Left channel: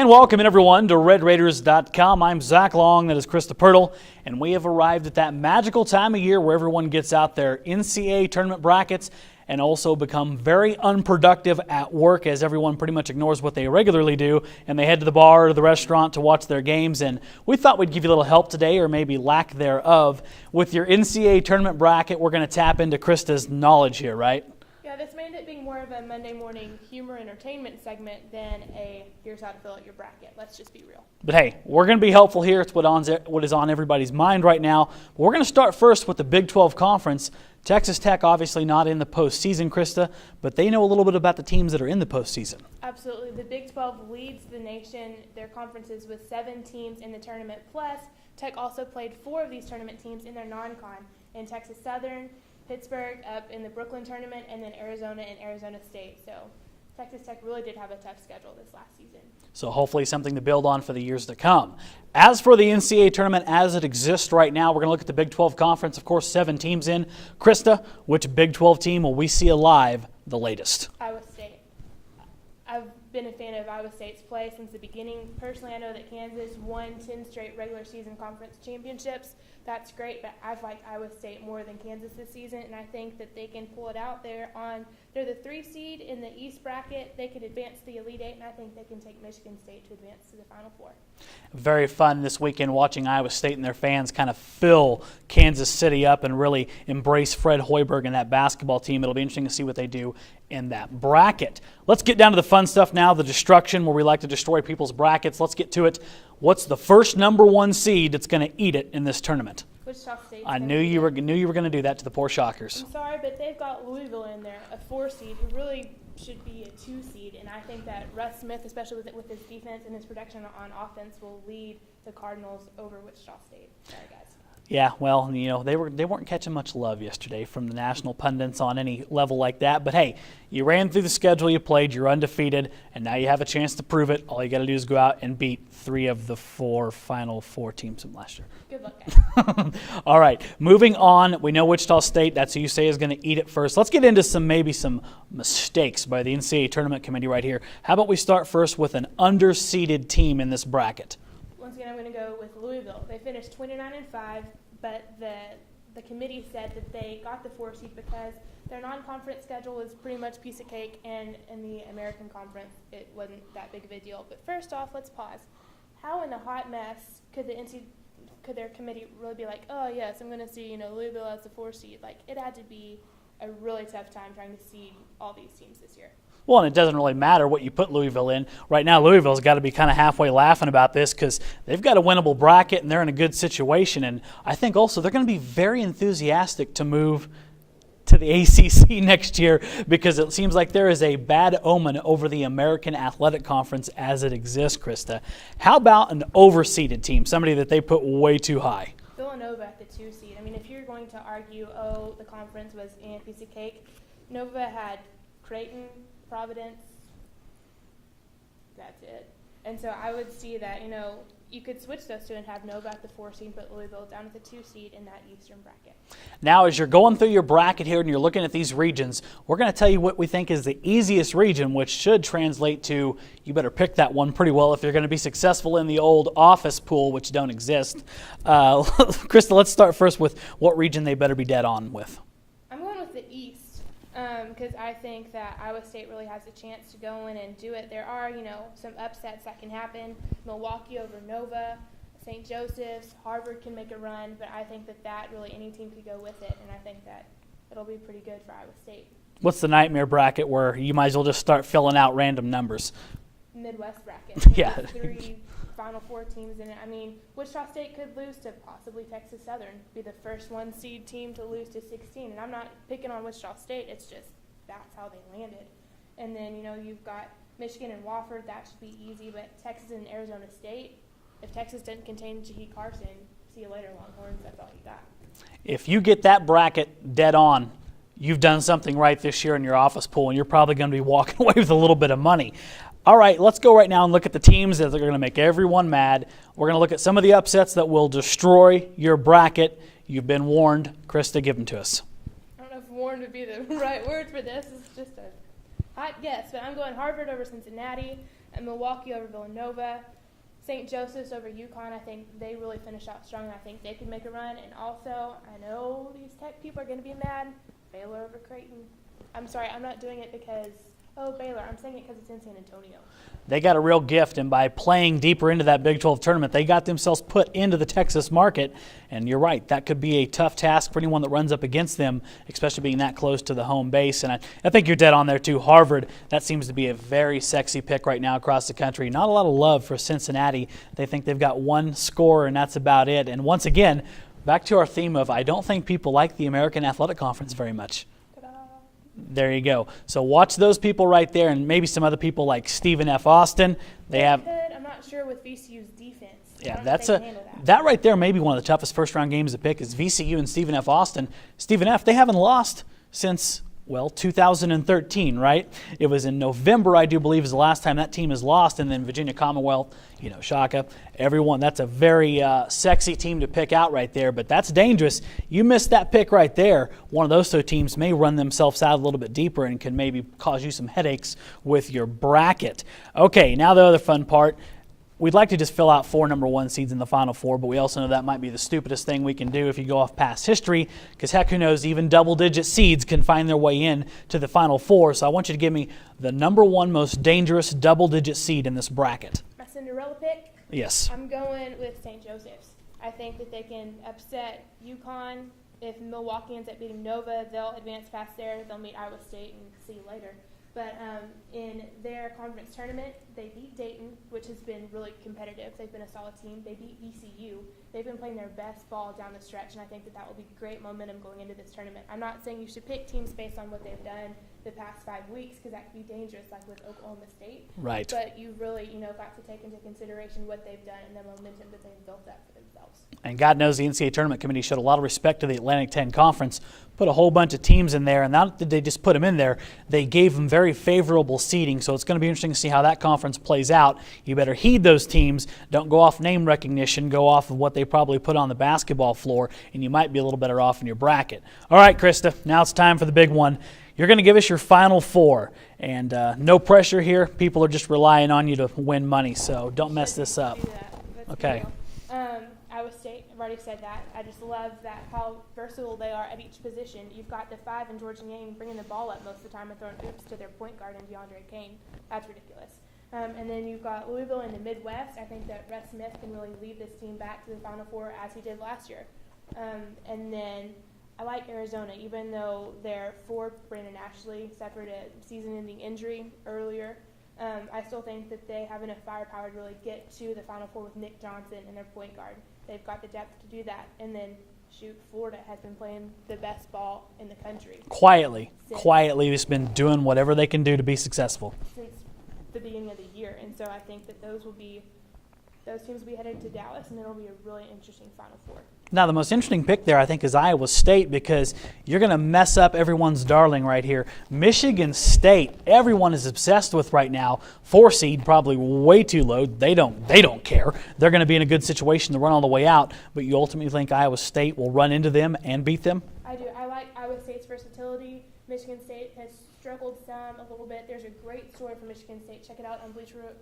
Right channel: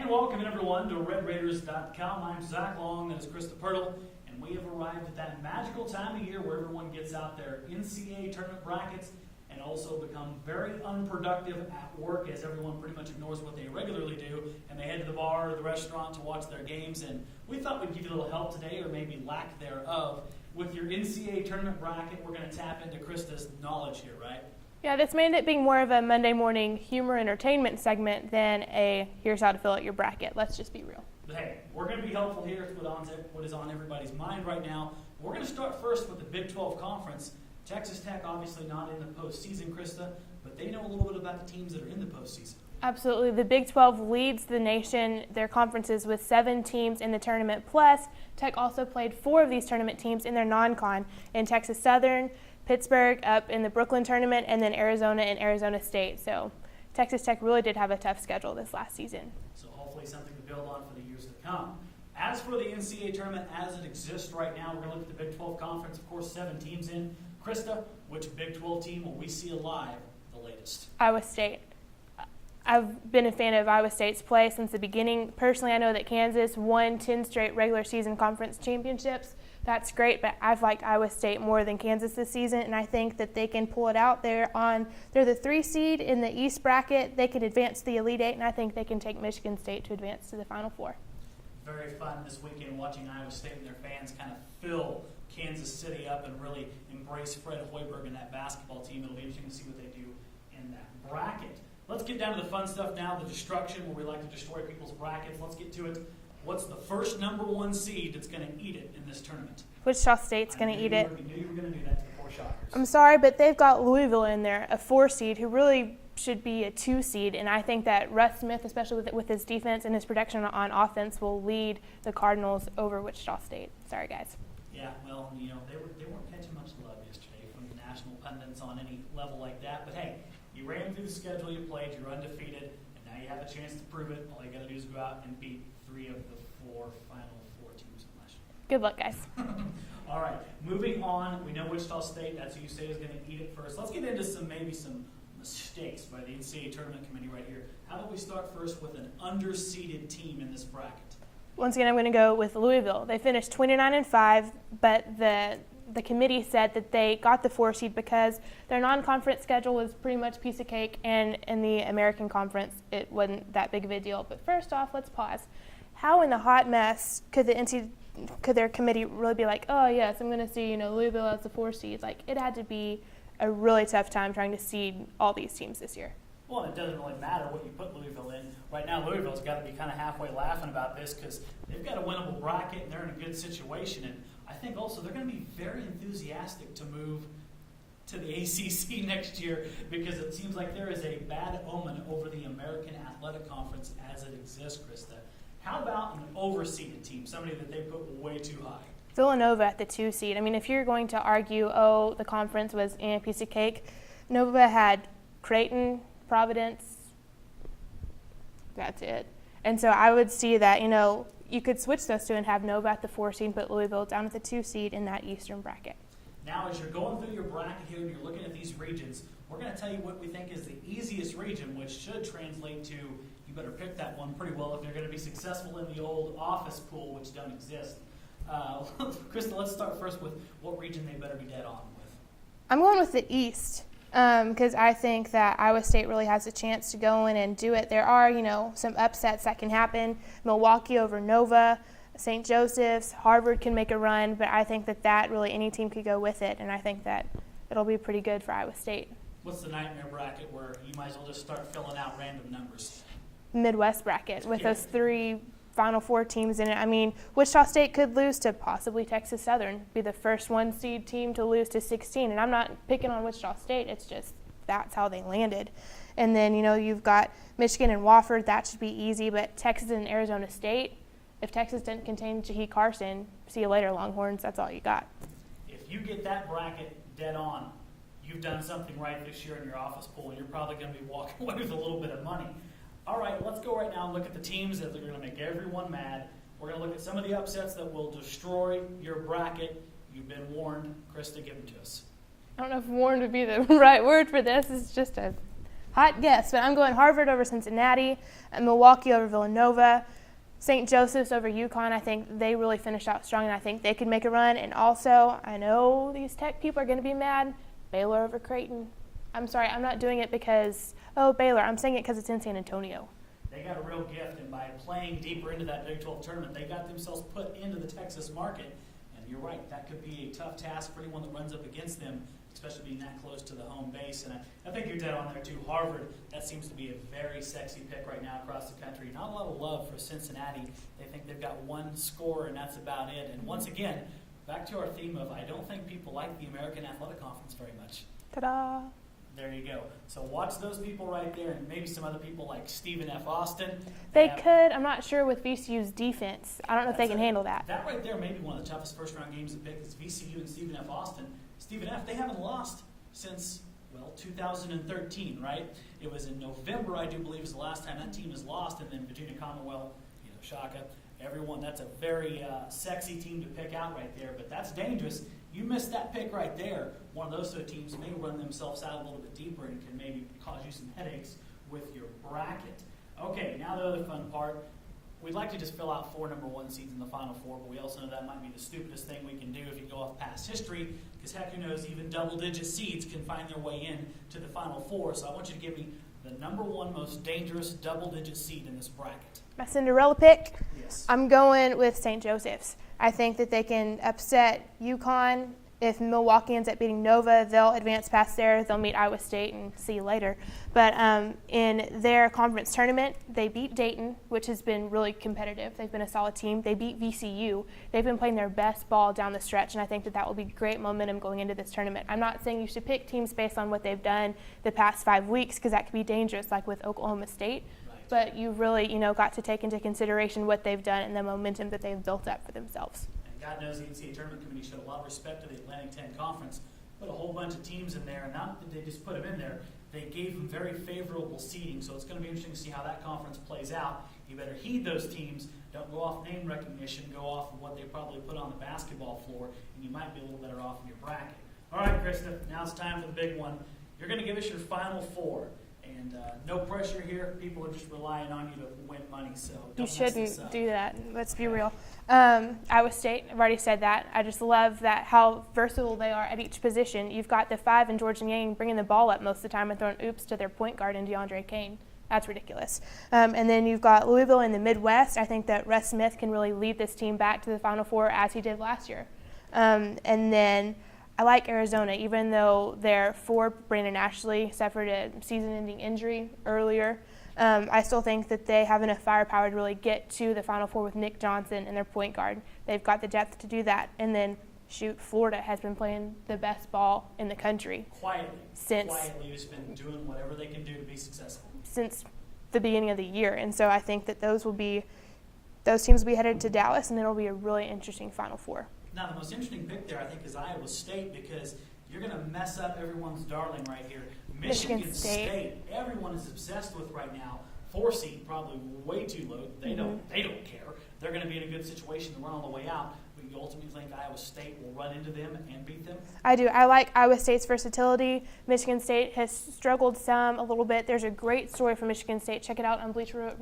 And welcome everyone to RedRaiders.com. I'm Zach Long, that is Krista Pirtle, and we have arrived at that magical time of year where everyone gets out their NCAA tournament brackets and also become very unproductive at work as everyone pretty much ignores what they regularly do and they head to the bar or the restaurant to watch their games. And we thought we'd give you a little help today, or maybe lack thereof. With your NCAA tournament bracket, we're going to tap into Krista's knowledge here, right? Yeah, this made it being more of a Monday morning humor entertainment segment than a here's how to fill out your bracket. Let's just be real. But hey, we're going to be helpful here. It's what is on everybody's mind right now. But we're going to start first with the Big 12 Conference. Texas Tech obviously not in the postseason, Krista, but they know a little bit about the teams that are in the postseason. Absolutely. The Big 12 leads the nation, their conferences, with 7 teams in the tournament. Plus, Tech also played 4 of these tournament teams in their non-con in Texas Southern, Pittsburgh up in the Brooklyn tournament, and then Arizona and Arizona State. So Texas Tech really did have a tough schedule this last season. So hopefully something to build on for the years to come. As for the NCAA tournament as it exists right now, we're going to look at the Big 12 Conference. Of course, 7 teams in. Krista, which Big 12 team will we see alive the latest? Iowa State. I've been a fan of Iowa State's play since the beginning. Personally, I know that Kansas won 10 straight regular season conference championships. That's great, but I've liked Iowa State more than Kansas this season, and I think that they can pull it out. They're the 3 seed in the East bracket. They can advance to the Elite Eight, and I think they can take Michigan State to advance to the Final Four. Very fun this weekend watching Iowa State and their fans kind of fill Kansas City up and really embrace Fred Hoiberg and that basketball team. It'll be interesting to see what they do in that bracket. Let's get down to the fun stuff now, the destruction, where we like to destroy people's brackets. Let's get to it. What's the first number 1 seed that's going to eat it in this tournament? Wichita State's going to eat it. I knew you were going to do that to the poor Shockers. I'm sorry, but they've got Louisville in there, a 4 seed, who really should be a 2 seed, and I think that Russ Smith, especially with his defense and his production on offense, will lead the Cardinals over Wichita State. Sorry, guys. Yeah, well, you know, they weren't catching much love yesterday from the national pundits on any level like that. But hey, you ran through the schedule you played, you're undefeated, and now you have a chance to prove it. All you got to do is go out and beat 3 of the final 4 teams from last year. Good luck, guys. All right, moving on. We know Wichita State, that's who you say is going to eat it first. Let's get into maybe some mistakes by the NCAA Tournament Committee right here. How about we start first with an underseeded team in this bracket? Once again, I'm going to go with Louisville. They finished 29-5, but the committee said that they got the 4 seed because their non-conference schedule was pretty much piece of cake, and in the American Conference, it wasn't that big of a deal. But first off, let's pause. How in the hot mess could their committee really be like, oh yes, I'm going to see Louisville as the 4 seed? Like, it had to be a really tough time trying to seed all these teams this year. Well, and it doesn't really matter what you put Louisville in. Right now, Louisville's got to be kind of halfway laughing about this because they've got a winnable bracket and they're in a good situation. And I think also they're going to be very enthusiastic to move to the ACC next year because it seems like there is a bad omen over the American Athletic Conference as it exists, Krista. How about an overseeded team, somebody that they put way too high? Villanova at the 2 seed. I mean, if you're going to argue, oh, the conference was a piece of cake, Nova had Creighton, Providence, that's it. And so I would see that, you could switch those 2 and have Nova at the 4 seed, put Louisville down at the 2 seed in that Eastern bracket. Now, as you're going through your bracket here and you're looking at these regions, we're going to tell you what we think is the easiest region, which should translate to you better pick that one pretty well if you're going to be successful in the old office pool, which don't exist. Krista, let's start first with what region they better be dead on with. I'm going with the East. Because I think that Iowa State really has a chance to go in and do it. There are, some upsets that can happen. Milwaukee over Nova, St. Joseph's, Harvard can make a run, but I think that really any team could go with it, and I think that it'll be pretty good for Iowa State. What's the nightmare bracket where you might as well just start filling out random numbers? Midwest bracket with those 3 Final Four teams in it. I mean, Wichita State could lose to possibly Texas Southern, be the first 1 seed team to lose to 16. And I'm not picking on Wichita State. It's just that's how they landed. And then, you've got Michigan and Wofford. That should be easy. But Texas and Arizona State, if Texas didn't contain Jahi Carson, see you later, Longhorns. That's all you got. If you get that bracket dead on, you've done something right this year in your office pool, and you're probably going to be walking away with a little bit of money. All right, let's go right now and look at the teams that are going to make everyone mad. We're going to look at some of the upsets that will destroy your bracket. You've been warned. Krista, give them to us. I don't know if warned would be the right word for this. It's just a Hot guess, but I'm going Harvard over Cincinnati, and Milwaukee over Villanova, St. Joseph's over UConn. I think they really finished out strong, and I think they could make a run. And also, I know these Tech people are going to be mad, Baylor over Creighton. I'm sorry, I'm not doing it because, oh, Baylor. I'm saying it because it's in San Antonio. They got a real gift, and by playing deeper into that Big 12 tournament, they got themselves put into the Texas market. And you're right, that could be a tough task for anyone that runs up against them, especially being that close to the home base. And I think you're dead on there, too. Harvard, that seems to be a very sexy pick right now across the country. Not a lot of love for Cincinnati. They think they've got one scorer, and that's about it. And once again, back to our theme of I don't think people like the American Athletic Conference very much. Ta-da. There you go. So watch those people right there, and maybe some other people like Stephen F. Austin. They could. I'm not sure with VCU's defense. I don't know if they can handle that. That right there may be one of the toughest first-round games to pick is VCU and Stephen F. Austin. Stephen F., they haven't lost since, well, 2013, right? It was in November, I do believe, is the last time that team has lost, and then Virginia Commonwealth, Shaka, everyone. That's a very sexy team to pick out right there, but that's dangerous. You missed that pick right there. One of those two teams may run themselves out a little bit deeper and can maybe cause you some headaches with your bracket. Okay, now the other fun part. We'd like to just fill out 4 number 1 seeds in the Final Four, but we also know that might be the stupidest thing we can do if you go off past history, because heck, who knows, even double-digit seeds can find their way in to the Final Four. So I want you to give me the number 1 most dangerous double-digit seed in this bracket. My Cinderella pick? Yes. I'm going with St. Joseph's. I think that they can upset UConn. If Milwaukee ends up beating Nova, they'll advance past there. They'll meet Iowa State and see you later. But in their conference tournament, they beat Dayton, which has been really competitive. They've been a solid team. They beat VCU. They've been playing their best ball down the stretch, and I think that will be great momentum going into this tournament. I'm not saying you should pick teams based on what they've done the past 5 weeks, because that could be dangerous, like with Oklahoma State. Right. But you really, got to take into consideration what they've done and the momentum that they've built up for themselves. And God knows the NCAA Tournament Committee showed a lot of respect to the Atlantic 10 Conference, put a whole bunch of teams in there, and not did they just put them in there, they gave them very favorable seeding. So it's going to be interesting to see how that conference plays out. You better heed those teams. Don't go off name recognition. Go off of what they probably put on the basketball floor, and you might be a little better off in your bracket. All right, Krista, now it's time for the big one. You're going to give us your Final Four, and no pressure here. People are just relying on you to win money, so don't mess this up. Do that. Let's be real. Iowa State, I've already said that. I just love that how versatile they are at each position. You've got the 5 in Georgia Yang bringing the ball up most of the time and throwing oops to their point guard in DeAndre Kane. That's ridiculous. And then you've got Louisville in the Midwest. I think that Russ Smith can really lead this team back to the Final Four as he did last year. And then I like Arizona, even though their 4, Brandon Ashley, suffered a season-ending injury earlier. I still think that they have enough firepower to really get to the Final Four with Nick Johnson and their point guard. They've got the depth to do that. And then, Florida has been playing the best ball in the country. Quietly, just been doing whatever they can do to be successful. Since the beginning of the year. And so I think that those teams will be headed to Dallas, and it'll be a really interesting Final Four. Now, the most interesting pick there, I think, is Iowa State, because you're going to mess up everyone's darling right here. Michigan State, everyone is obsessed with right now. 4 seed, probably way too low. They don't care. They're going to be in a good situation to run all the way out, but you ultimately think Iowa State will run into them and beat them? I do. I like Iowa State's versatility. Michigan State has struggled a little bit. There's a great story from Michigan State. Check it out on Bleacher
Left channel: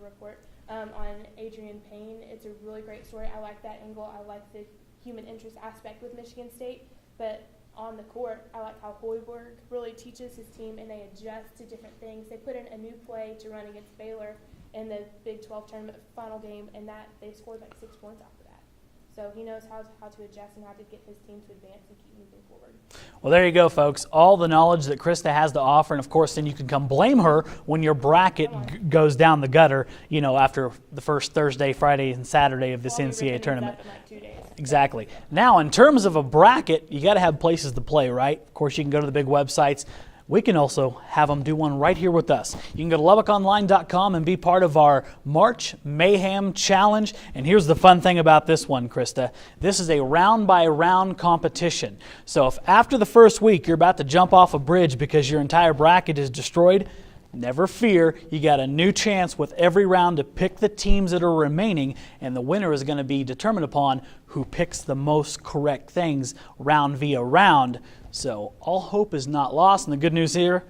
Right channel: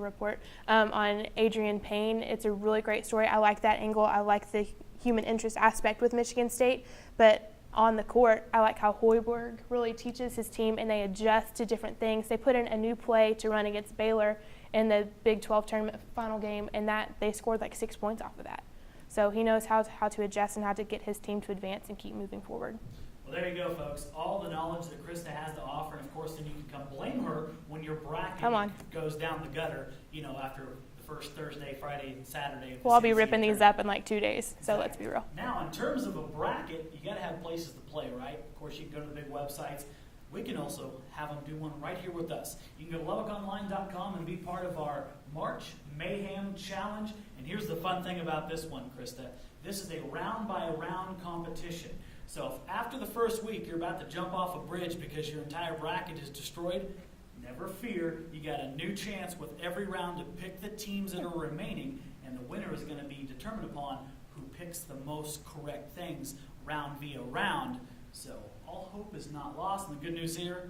Report on Adrian Payne. It's a really great story. I like that angle. I like the human interest aspect with Michigan State. But on the court, I like how Hoiberg really teaches his team, and they adjust to different things. They put in a new play to run against Baylor in the Big 12 tournament final game, and that they scored like 6 points off of that. So he knows how to adjust and how to get his team to advance and keep moving forward. Well, there you go, folks. All the knowledge that Krista has to offer, and of course, then you can come blame her when your bracket goes down the gutter, after the first Thursday, Friday, and Saturday of this NCAA tournament. I'll be ripping these up in like 2 days. Exactly. So now, in terms of a bracket, you got to have places to play, right? Of course, you can go to the big websites. We can also have them do one right here with us. You can go to LubbockOnline.com and be part of our March Mayhem Challenge. And here's the fun thing about this one, Krista. This is a round-by-round competition. So if after the first week you're about to jump off a bridge because your entire bracket is destroyed, never fear. You got a new chance with every round to pick the teams that are remaining, and the winner is going to be determined upon who picks the most correct things round via round. So all hope is not lost, and the good news here,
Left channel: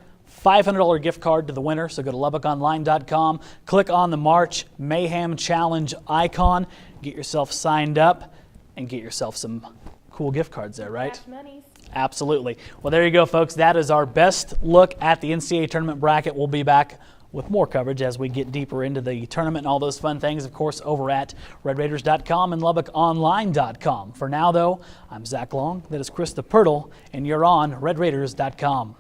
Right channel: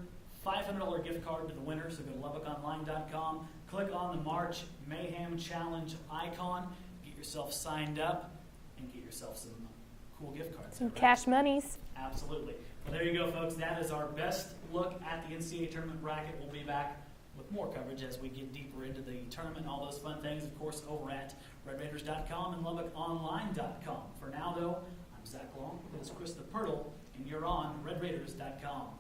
$500 gift card to the winner. So go to LubbockOnline.com, click on the March Mayhem Challenge icon, get yourself signed up, and get yourself some cool gift cards there, right? Cash monies. Absolutely. Well, there you go, folks. That is our best look at the NCAA tournament bracket. We'll be back with more coverage as we get deeper into the tournament and all those fun things, of course, over at RedRaiders.com and LubbockOnline.com. For now, though, I'm Zach Long. That is Krista Pirtle, and you're on RedRaiders.com.